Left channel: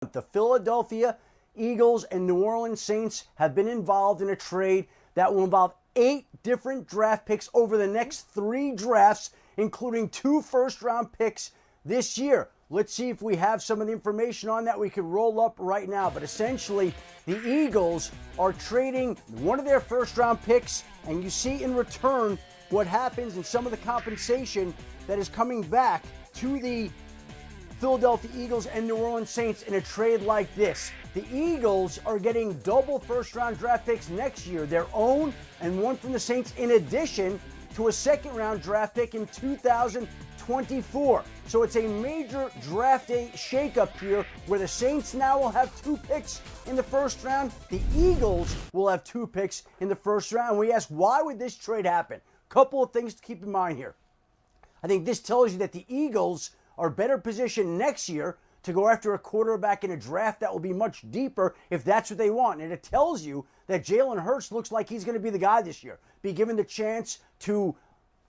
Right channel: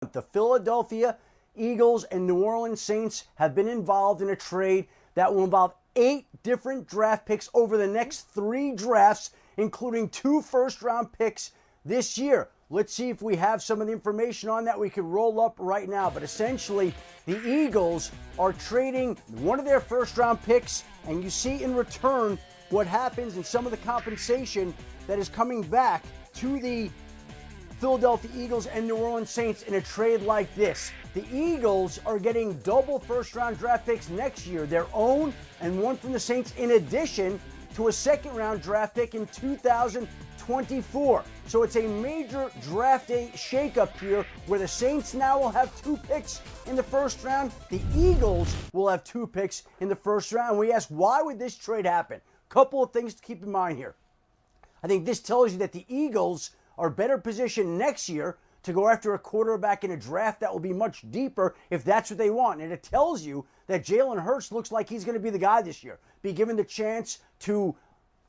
The Philadelphia Eagles and New Orleans Saints have been involved in a trade that will involve 8 different draft picks over the next 3 drafts, including 2 first-round picks this year. Let's see if we have some of the information on that we could roll up right now. But essentially, the Eagles are trading one of their first-round picks, and you see in return what happens in some of the compensation that is coming back to the Philadelphia Eagles and New Orleans Saints in a trade like this. The Eagles are getting double first-round draft picks next year, their own and one from the Saints, in addition to a second-round draft pick in 2024. So it's a major draft day shakeup here where the Saints now will have 2 picks in the first round. The Eagles will have 2 picks in the first round. We ask, why would this trade happen? Couple of things to keep in mind here. I think this tells you that the Eagles are better positioned next year to go after a quarterback in a draft that will be much deeper if that's what they want. And it tells you that Jalen Hurts looks like he's going to be the guy this year, be given the chance to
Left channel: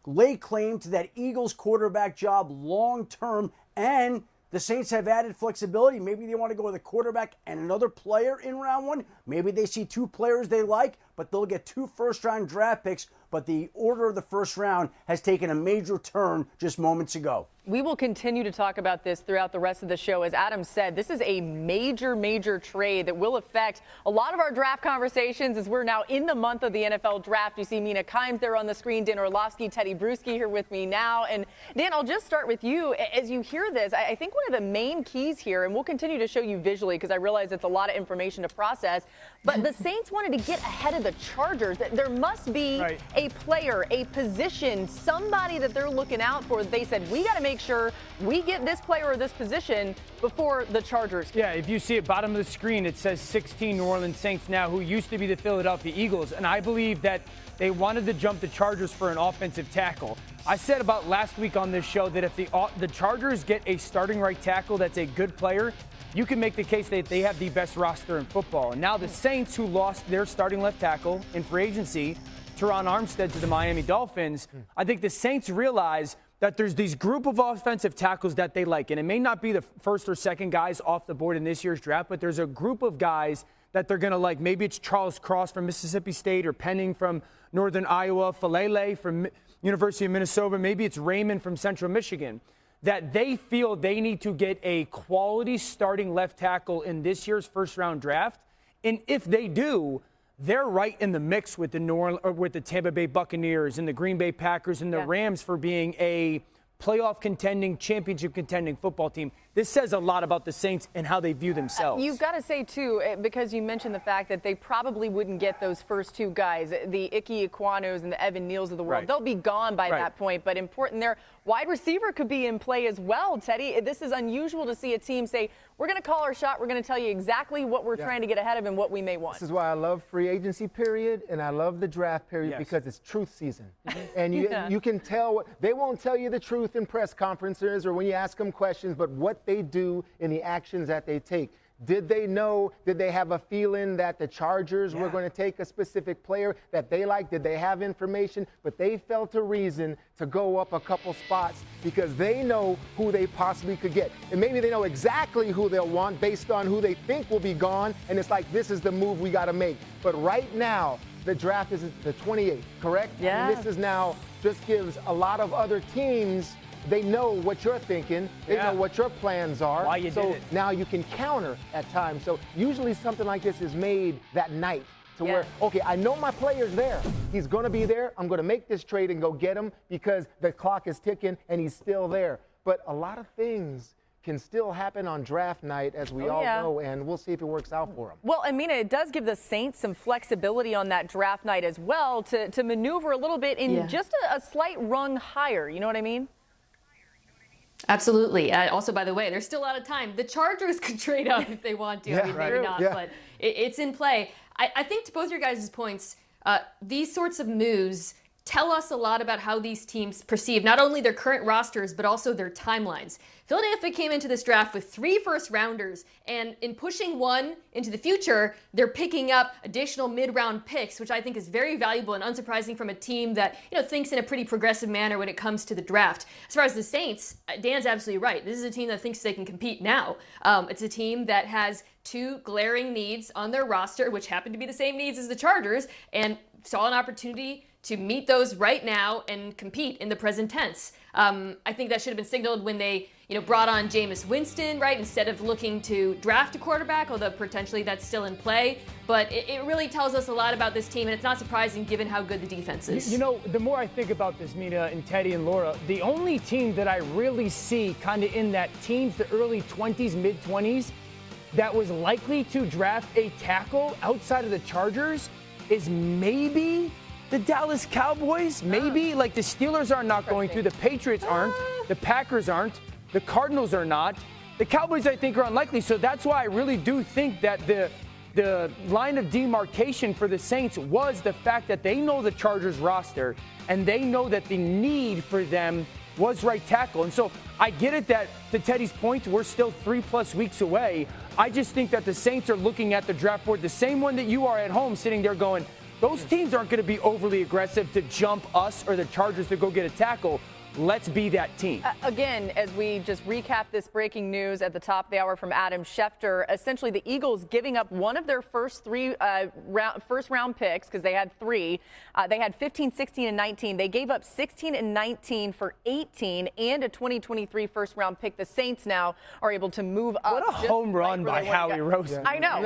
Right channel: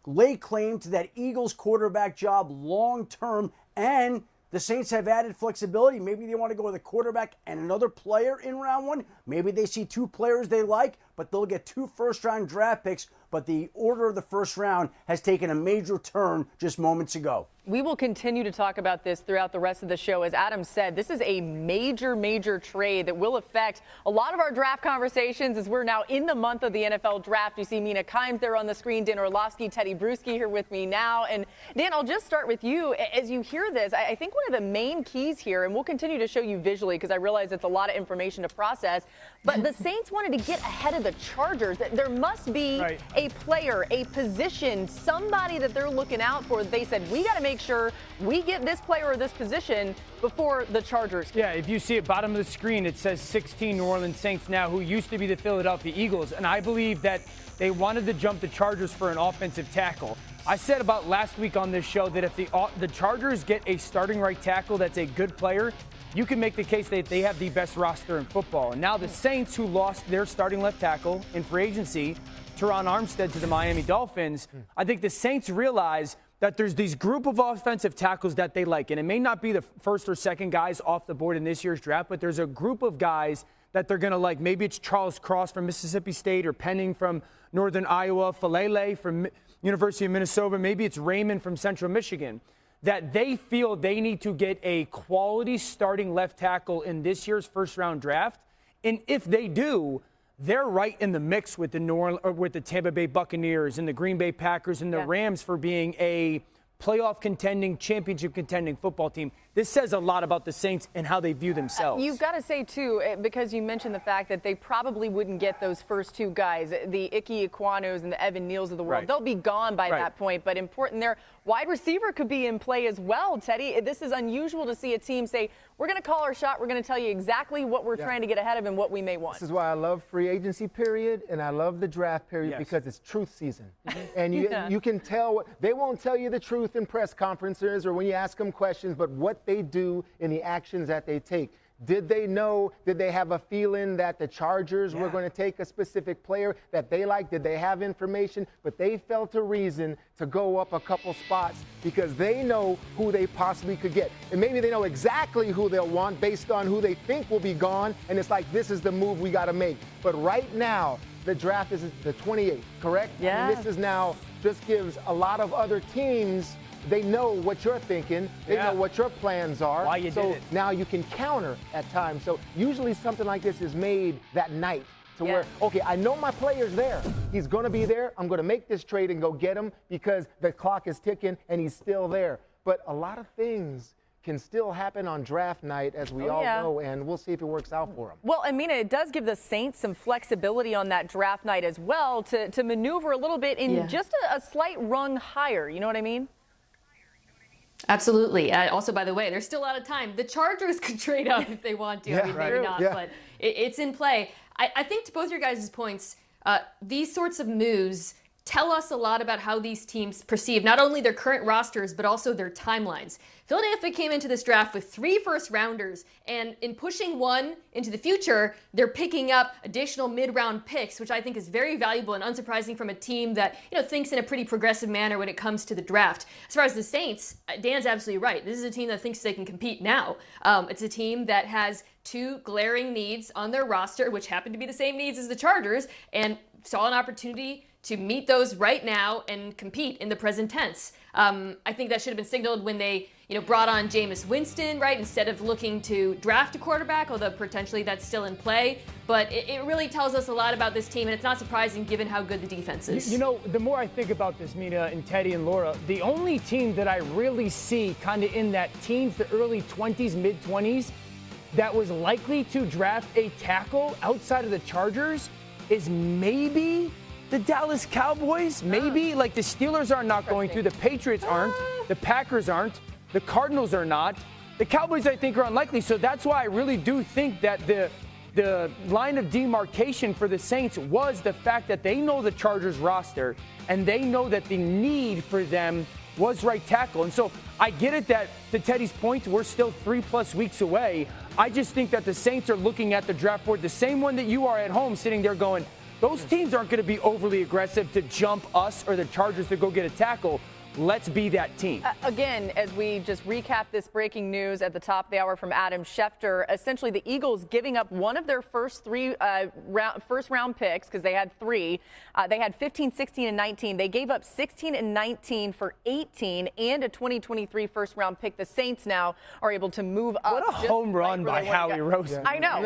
lay claim to that Eagles quarterback job long term. And the Saints have added flexibility. Maybe they want to go with a quarterback and another player in round 1. Maybe they see 2 players they like, but they'll get 2 first-round draft picks. But the order of the first round has taken a major turn just moments ago. We will continue to talk about this throughout the rest of the show. As Adam said, this is a major trade that will affect a lot of our draft conversations as we're now in the month of the NFL draft. You see Mina Kimes there on the screen, Dan Orlovsky, Teddy Bruschi here with me now. And Dan, I'll just start with you. As you hear this, I think one of the main keys here, and we'll continue to show you visually because I realize it's a lot of information to process, but the Saints wanted to get ahead of the Chargers. There must be a player, a position, somebody that they're looking out for. They said, we got to make sure we get this player or this position before the Chargers. Yeah, if you see at bottom of the screen, it says 16 New Orleans Saints now, who used to be the Philadelphia Eagles. And I believe that they wanted to jump the Chargers for an offensive tackle. I said about last week on this show that if the Chargers get a starting right tackle that's a good player, you can make the case that they have the best roster in football. And now the Saints, who lost their starting left tackle in free agency, Teron Armstead, to the Miami Dolphins, I think the Saints realize that there's these group of offensive tackles that they like. And it may not be the first or second guys off the board in this year's draft, but there's a group of guys that they're going to like. Maybe it's Charles Cross from Mississippi State, or Penning from Northern Iowa, Falele from University of Minnesota. Maybe it's Raymond from Central Michigan, that they feel they need to get a quality starting left tackle in this year's first-round draft. And if they do, they're right in the mix with the Tampa Bay Buccaneers and the Green Bay Packers and the Rams for being a playoff contending, championship contending football team. This says a lot about the Saints and how they view themselves. You've got to say, too, because you mentioned the fact that they probably wouldn't get those first 2 guys, the Ike Equanos and the Evan Neals of the world. They'll be gone by that point. But important there, wide receiver could be in play as well, Teddy. This is unusual to see a team say, we're going to call our shot. We're going to tell you exactly what we're trying to get ahead of and what we may want. This is why I love free agency period and I love the draft period, because it's truth season. And you can tell. They won't tell you the truth in press conferences or when you ask them questions, but what they do in the actions that they take. Did they know? Did they have a feeling that the Chargers were going to take a specific player that they liked? Did they have information? But they felt a reason to go up a couple spots because they know who they possibly could get. And maybe they know exactly who they'll want based on who they think will be gone. And it's like, this is the move we got to make. But right now, the draft is the 28th, correct? Yeah. And this is now just gives a lot of other teams. They know what you're thinking. They know what your plans are. Why you so did it. now you can counter at times. So usually something like this is made that night to where, okay, I know my player's there. He's going to be there. I'm going to make this trade and go get him because the clock is ticking and he's still there. But a lot of things can still happen on draft night, as we all know, and we'll see if it works out for them. Well, I mean, it does give the Saints some flexibility on that draft night as well to maneuver a little bit in just a slight rung higher. You know what I mean? Absolutely. Also, by the way, there's still a lot of time. The Chargers could trade up if they want to. I mean, maybe not, but it's in play. I think to both your guys' points, these sorts of moves tell us a lot about how these teams perceive not only their current rosters, but also their timelines. Philadelphia came into this draft with 3 first-rounders, and in pushing one into the future, they're picking up additional mid-round picks, which I think is very valuable and unsurprising from a team that thinks in a pretty progressive manner when it comes to the draft. As far as the Saints, Dan's absolutely right. This is a team that thinks they can compete now. It's a team that has 2 glaring needs on their roster, which happen to be the same needs as the Chargers, and saw an opportunity to meet those right now and compete in the present tense. I think that should have been signaled when they, brought on Jameis Winston, right, instead of looking to draft a quarterback, although potentially that's still in play. But it really tells us a lot about this team, and it's not surprising given how good the defense is. The more I think about this, Mina and Teddy and Laura, the only team that I really see kind of in that teens, the early 20s, mid-20s, that was likely to draft a tackle outside of the Chargers is maybe the Dallas Cowboys. Maybe, like the Steelers are not going to, the Patriots aren't, the Packers aren't, the Cardinals are not. The Cowboys, I think, are unlikely. So that's why I really do think that the line of demarcation for the Saints was the fact that they know the Chargers roster and they know that the need for them was right tackle. And so I get it that, to Teddy's point, we're still 3+ weeks away. I just think that the Saints are looking at the draft board the same one that you are at home, sitting there going, those teams aren't going to be overly aggressive to jump us or the Chargers to go get a tackle. Let's be that team. Again, as we just recap this breaking news at the top of the hour from Adam Schefter, essentially the Eagles giving up one of their first 3 first-round picks, because they had 3. They had 15, 16, and 19. They gave up 16 and 19 for 18 and a 2023 first-round pick. The Saints now are able to move up. What a home run by Howie Roseman. I know.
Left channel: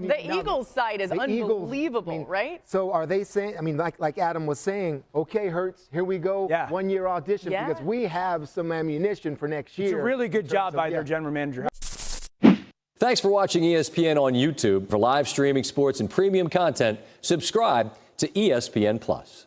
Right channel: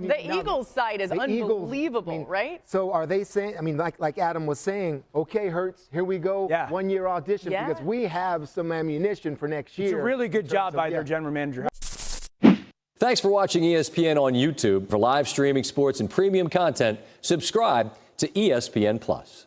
The Eagles side is unbelievable, right? So are they saying, like Adam was saying, okay, Hurts, here we go, 1-year audition, because we have some ammunition for next year. It's a really good job by their general manager. Thanks for watching ESPN on YouTube. For live streaming sports and premium content, subscribe to ESPN+.